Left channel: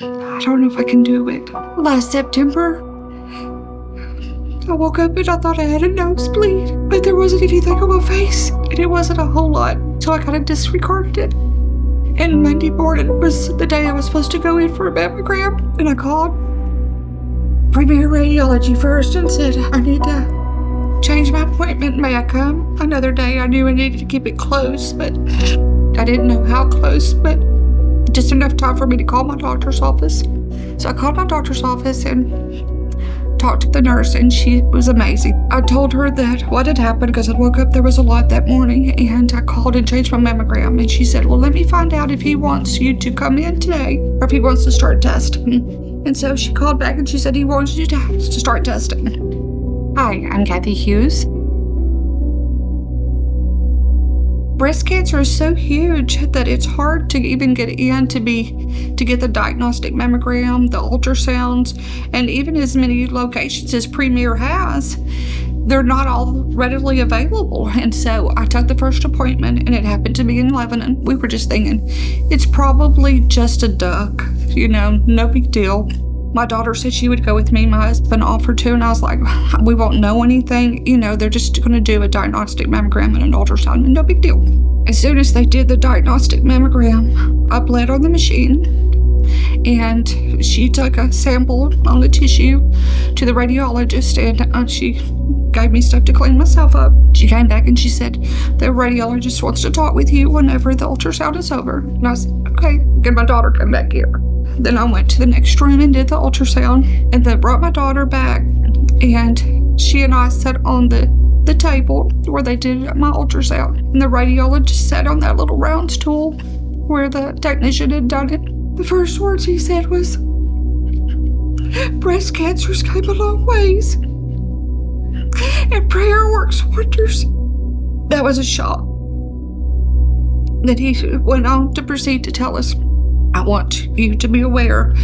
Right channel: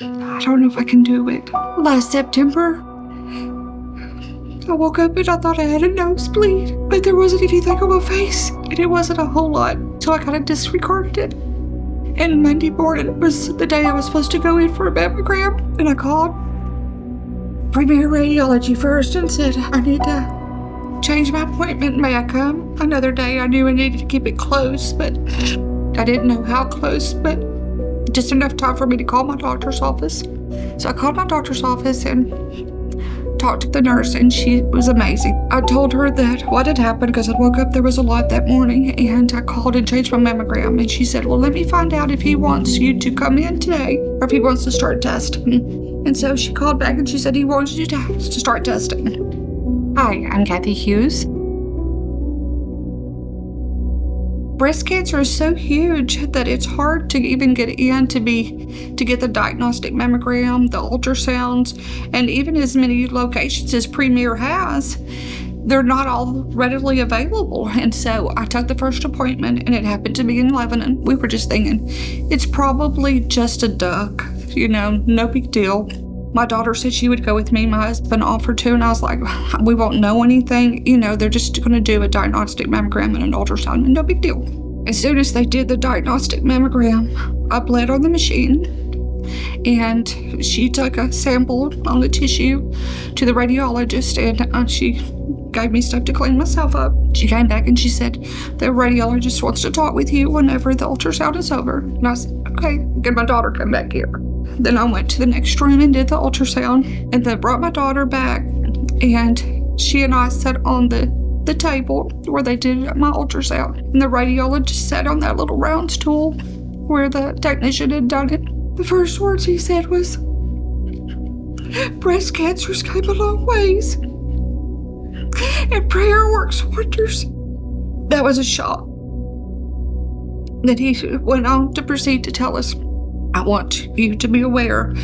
I don't know if I can do it. Last September, I woke up and I thought I had a nosebleed, but there wasn't anything on my face, and it wasn't a whole lot, so I kind of disregarded it. And Monday morning was the day I was supposed to go in for a mammogram, and I called Premier Radiology first and said, I need to change my appointment. May I come another day? I knew I needed to keep it close, but I didn't know how close, but just enough time for me to call my doctor's office. So I called my doctor's office and talked to the nurse, and she was amazing. I told her that what had happened because I woke up, there was a lot that morning, and I called and changed my mammogram, and she said, well, let me find out if he wants you to come in today or if he wants to start testing. And so she called back and she said he wants you to start testing. Hi, I'm Kathy Hughes. Breast cancer is so huge that it's hard to even get in to get the diagnostic mammogram, the ultrasounds, and even as many locations as Premier has, they're not all readily available. And so I took the first appointment, and it happened to be in Lebanon. We were just thinking, it's probably just a duck, no big deal. My daughter said she would go with me. My husband offered to, and I was like, we won't know anything. They're just going to do a diagnostic mammogram and an ultrasound, and no big deal. As soon as they did the diagnostic mammogram, I bled on the machine, and she took a sample on the tissue to the radiologist, and she gave me stuff to clean myself up. She came back and she said, the radiologist wants to talk with you whenever the ultrasound is over. And I said, okay, get my daughter come back here. Then I went to the next room and did the ultrasound, and then brought my daughter back, and she and I sat on the table where they did my ultrasound, and the radiologist sat on that little round stool where the technician had done it. The first words he said was, breast cancer's came a long ways, and prayer works wonders. That was a shock. Then he went on to proceed to tell us, I want you to be aware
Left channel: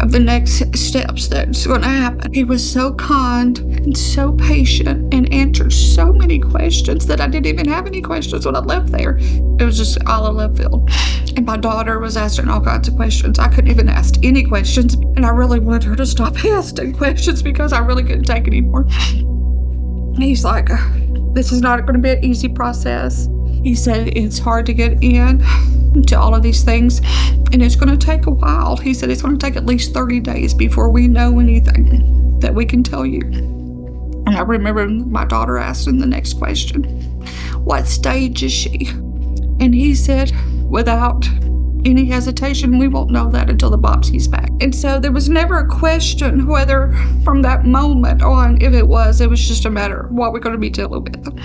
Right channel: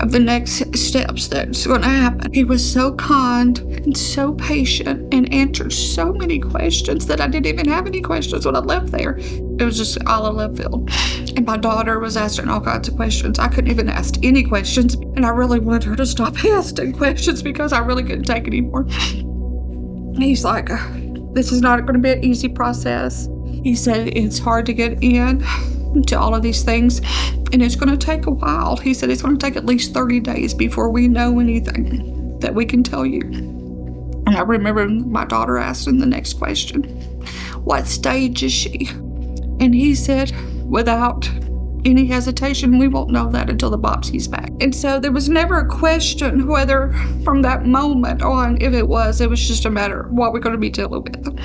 of the next steps that's going to happen. He was so kind and so patient and answered so many questions that I didn't even have any questions when I left there. It was just all in left field. And my daughter was asking all kinds of questions. I couldn't even ask any questions, and I really wanted her to stop asking questions because I really couldn't take it anymore. He's like, this is not going to be an easy process. He said it's hard to get in to all of these things, and it's going to take a while. He said it's going to take at least 30 days before we know anything that we can tell you. And I remember my daughter asking the next question, what stage is she? And he said, without any hesitation, we won't know that until the biopsy's back. And so there was never a question whether from that moment on, if it was just a matter of what we're going to be dealing with.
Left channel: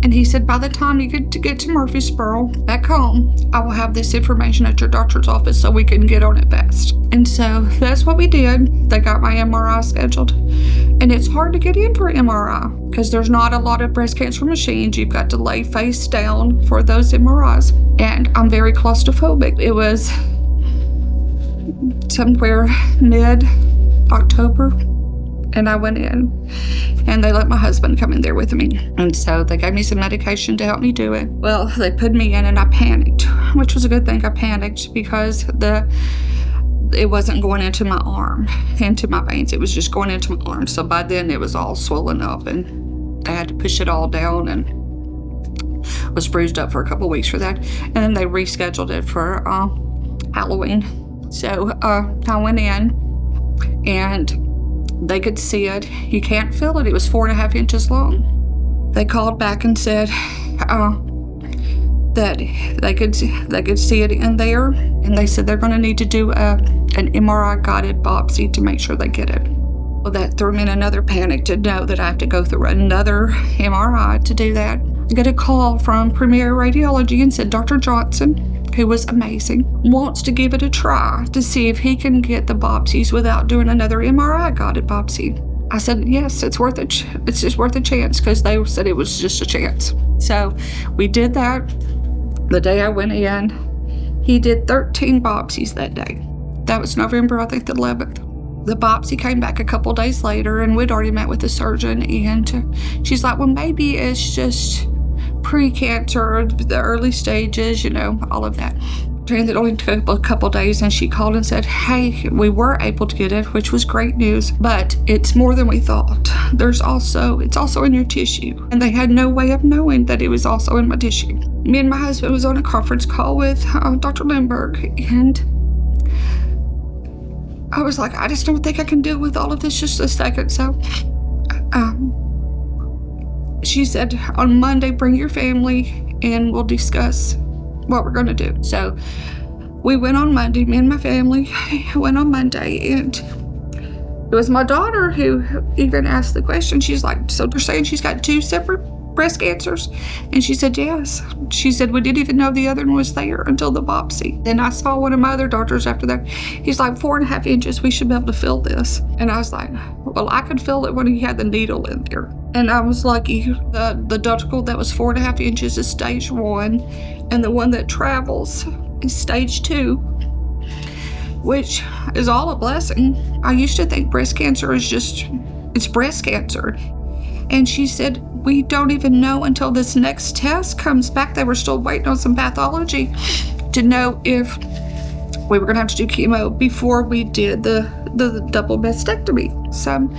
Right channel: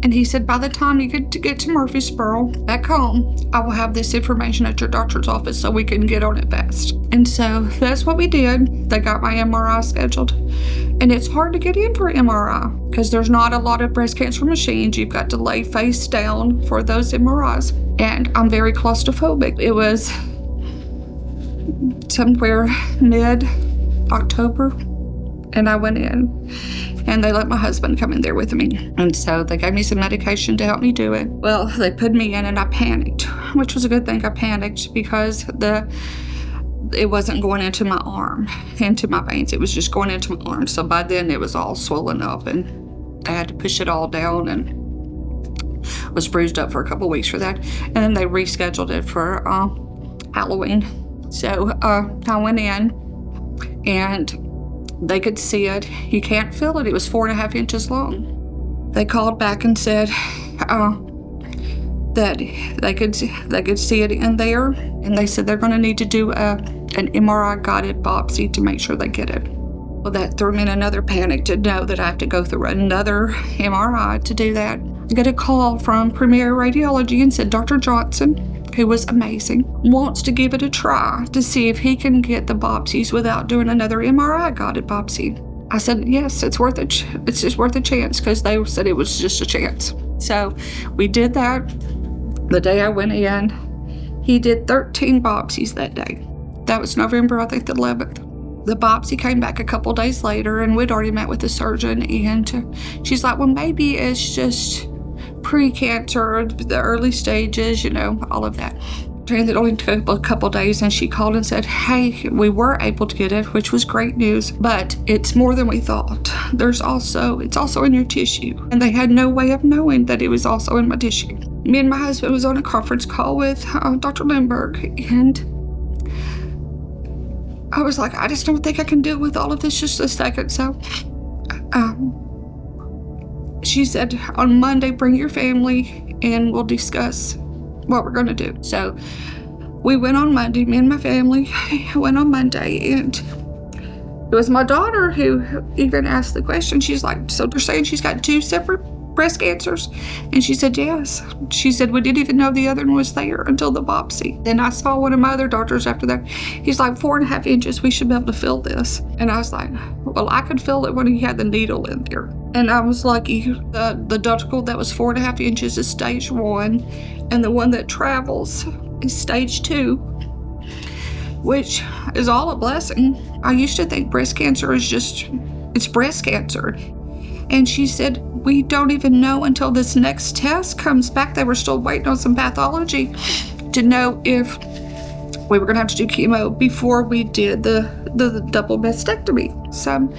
And he said, by the time you get to Murfreesboro, back home, I will have this information at your doctor's office so we can get on it fast. And so that's what we did. They got my MRI scheduled. And it's hard to get in for MRI because there's not a lot of breast cancer machines. You've got to lay face down for those MRIs. And I'm very claustrophobic. It was somewhere mid-October, and I went in, and they let my husband come in there with me. And so they gave me some medication to help me do it. Well, they put me in, and I panicked, which was a good thing. I panicked because it wasn't going into my arm, into my veins. It was just going into my arm. So by then it was all swollen up, and I had to push it all down, and was bruised up for a couple of weeks for that. And then they rescheduled it for Halloween. So I went in, and they could see it. You can't feel it. It was 4.5 inches long. They called back and said that they could see it in there, and they said they're going to need to do an MRI guided biopsy to make sure they get it. Well, that threw me in another panic to know that I have to go through another MRI to do that. I got a call from Premier Radiology and said Dr. Johnson, who was amazing, wants to give it a try to see if he can get the biopsies without doing another MRI guided biopsy. I said, yes, it's just worth a chance, because they said it was just a chance. So we did that. The day I went in, he did 13 biopsies that day. That was November, I think, the 11th. The biopsy came back a couple days later, and we'd already met with the surgeon, and she's like, well, maybe it's just pre-cancer, the early stages, all of that. It only took a couple days, and she called and said, hey, we were able to get it, which was great news, but it's more than we thought. It's also in your tissue. And they had no way of knowing that it was also in my tissue. Me and my husband was on a conference call with Dr. Lindbergh, and I was like, I just don't think I can deal with all of this just a second. So she said, on Monday, bring your family and we'll discuss what we're gonna do. So we went on Monday, me and my family went on Monday, and it was my daughter who even asked the question. She's like, so they're saying she's got 2 separate breast cancers? And she said, yes. She said, we didn't even know the other one was there until the biopsy. Then I saw one of my other doctors after that. He's like, 4.5 inches, we should be able to feel this. And I was like, well, I could feel it when he had the needle in there. And I was lucky. The ductal that was 4.5 inches is stage 1, and the one that travels is stage 2, which is all a blessing. I used to think breast cancer is it's breast cancer. And she said, we don't even know until this next test comes back. They were still waiting on some pathology to know if we were gonna have to do chemo before we did the double mastectomy. Some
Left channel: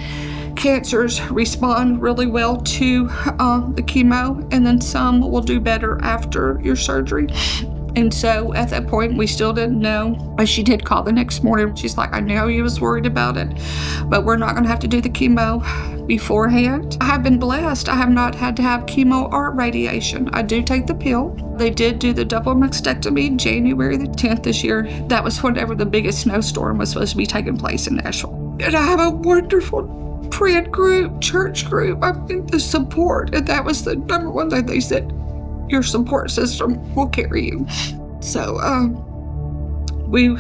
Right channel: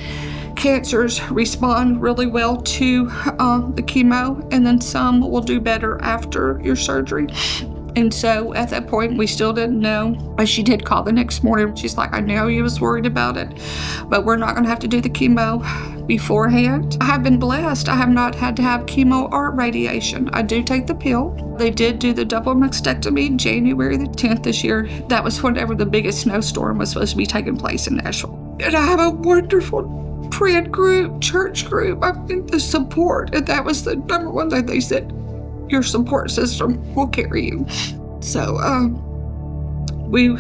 cancers respond really well to the chemo, and then some will do better after your surgery. And so at that point, we still didn't know. But she did call the next morning. She's like, I know you was worried about it, but we're not gonna have to do the chemo beforehand. I have been blessed. I have not had to have chemo or radiation. I do take the pill. They did do the double mastectomy January the 10th this year. That was whenever the biggest snowstorm was supposed to be taking place in Nashville. And I have a wonderful friend group, church group. I mean, the support, and that was the number one thing they said. Your support system will carry you. So we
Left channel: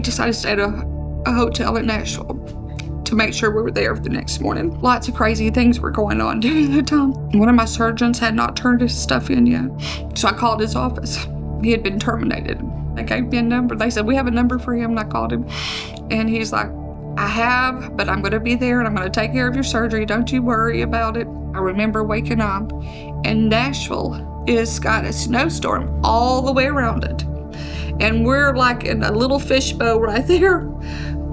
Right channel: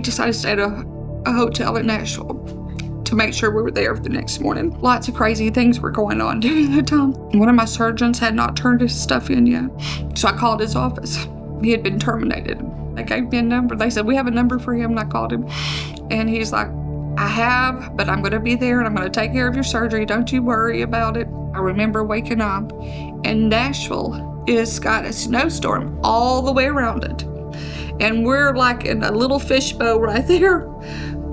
decided to stay at a hotel in Nashville to make sure we were there for the next morning. Lots of crazy things were going on during the time. One of my surgeons had not turned his stuff in yet, so I called his office. He had been terminated. They gave me a number. They said, we have a number for him, and I called him. And he's like, I have, but I'm gonna be there and I'm gonna take care of your surgery. Don't you worry about it. I remember waking up, and Nashville is got a snowstorm all the way around it. And we're like in a little fishbowl right there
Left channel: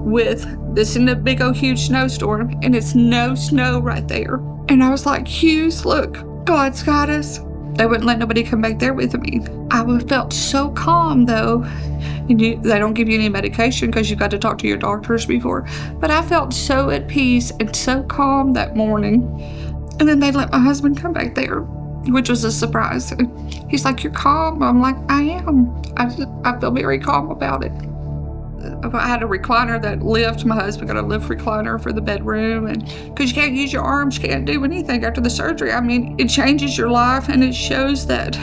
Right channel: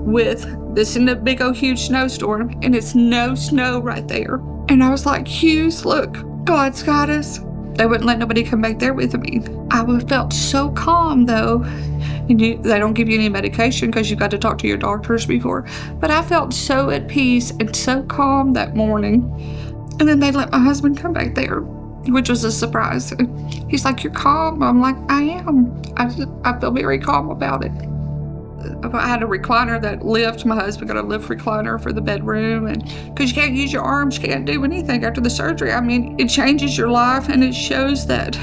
with this in a big old huge snowstorm, and it's no snow right there. And I was like, Hughes, look, God's got us. They wouldn't let nobody come back there with me. I felt so calm though. And they don't give you any medication because you've got to talk to your doctors before. But I felt so at peace and so calm that morning. And then they let my husband come back there, which was a surprise. He's like, you're calm? I'm like, I am. I feel very calm about it. I had a recliner that lift. My husband got a lift recliner for the bedroom, and because you can't use your arms, you can't do anything after the surgery. I mean, it changes your life, and it shows that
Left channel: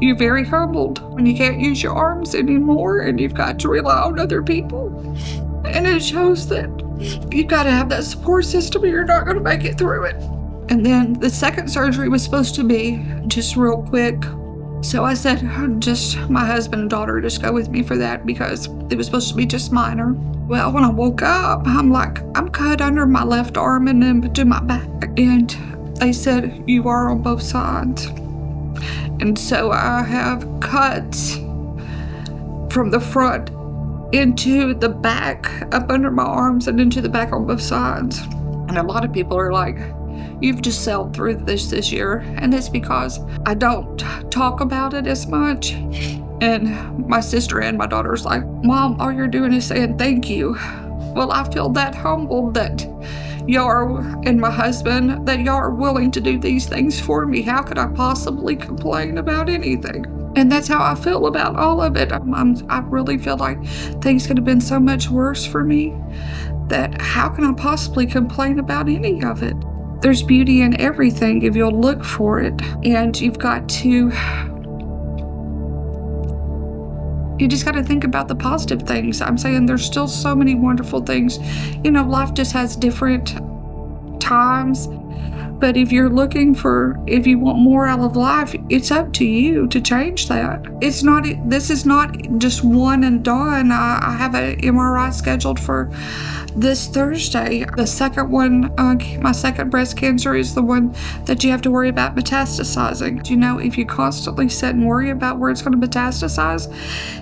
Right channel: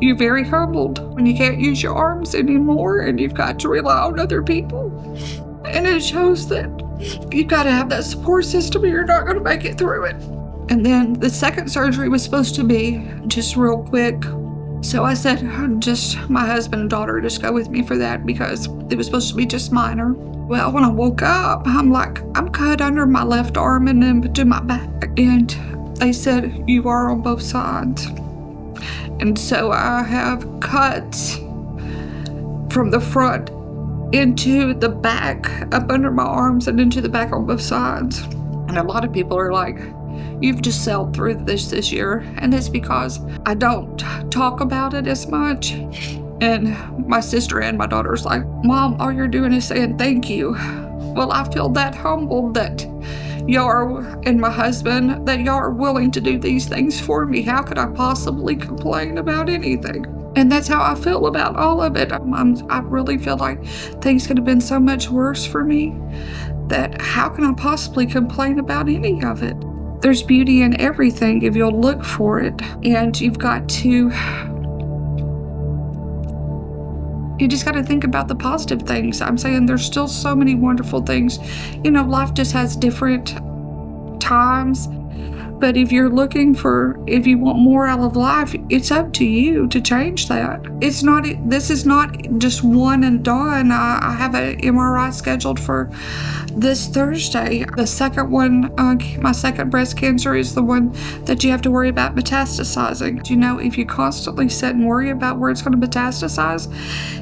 you're very humbled when you can't use your arms anymore and you've got to rely on other people. And it shows that you've got to have that support system or you're not going to make it through it. And then the second surgery was supposed to be just real quick. So I said, just my husband and daughter just go with me for that because it was supposed to be just minor. Well, when I woke up, I'm like, I'm cut under my left arm and then to my back. And they said, you are on both sides. And so I have cuts from the front into the back, up under my arms and into the back on both sides. And a lot of people are like, you've just sailed through this year. And it's because I don't talk about it as much. And my sister and my daughter's like, Mom, all you're doing is saying thank you. Well, I feel that humbled that y'all and my husband, that y'all are willing to do these things for me. How could I possibly complain about anything? And that's how I feel about all of it. I really feel like things could have been so much worse for me that how can I possibly complain about any of it? There's beauty in everything if you'll look for it. And you just got to think about the positive things. I'm saying there's still so many wonderful things. You know, life just has different times But if you want more out of life, it's up to you to change that. This is not just one and done. I have an MRI scheduled for this Thursday. The second one, my second breast cancer, is the one that you have to worry about metastasizing. You know, if you constantly sit and worry about where it's going to metastasize,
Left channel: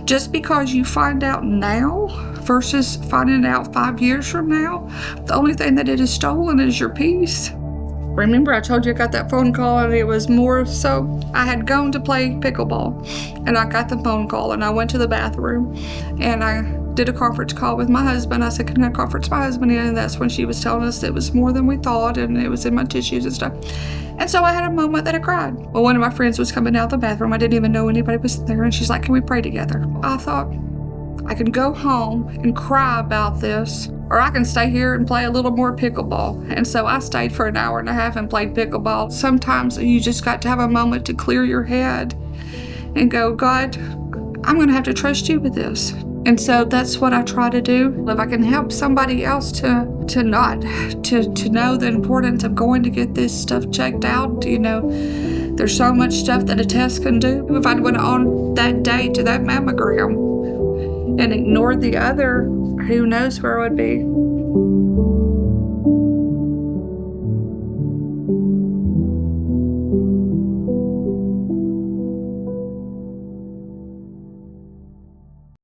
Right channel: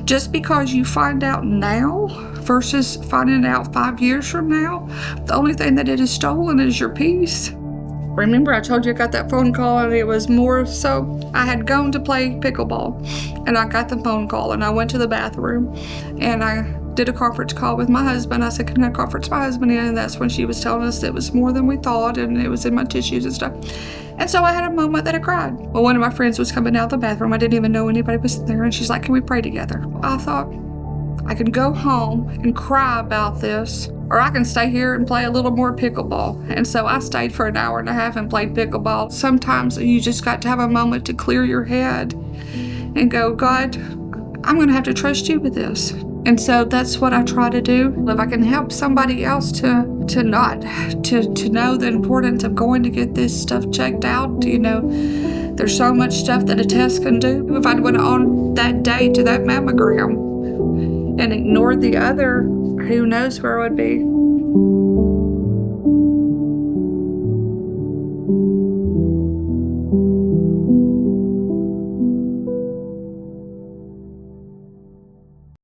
just because you find out now versus finding out 5 years from now, the only thing that it has stolen is your peace. Remember, I told you I got that phone call, and it was more so I had gone to play pickleball, and I got the phone call, and I went to the bathroom, and I did a conference call with my husband. I said, can I conference my husband in? And that's when she was telling us it was more than we thought, and it was in my tissues and stuff. And so I had a moment that I cried. Well, one of my friends was coming out of the bathroom. I didn't even know anybody was there, and she's like, can we pray together? I thought, I can go home and cry about this, or I can stay here and play a little more pickleball. And so I stayed for an hour and a half and played pickleball. Sometimes you just got to have a moment to clear your head and go, God, I'm going to have to trust you with this. And so that's what I try to do. If I can help somebody else to know the importance of going to get this stuff checked out, you know, there's so much stuff that a test can do. If I'd went on that day to that mammogram and ignored the other, who knows where I would be.